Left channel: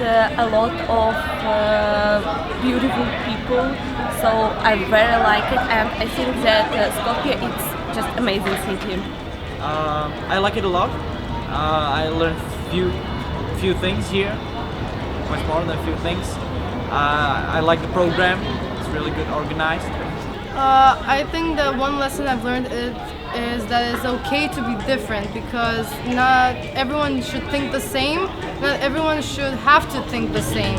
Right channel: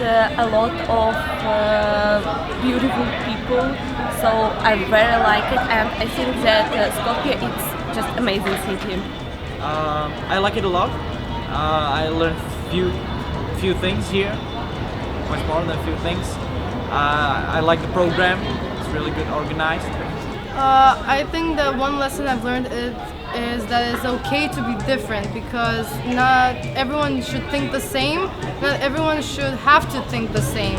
a lot of beautiful people, so I very like it, and I think that Skopje is just amazing city. I like it a lot. I learned few things here, much more than a few things. I like the program. It's really good organized. I think that one lesson I've learned is that it's okay to be different, because not everyone should think the same. Not everyone should have to think the same.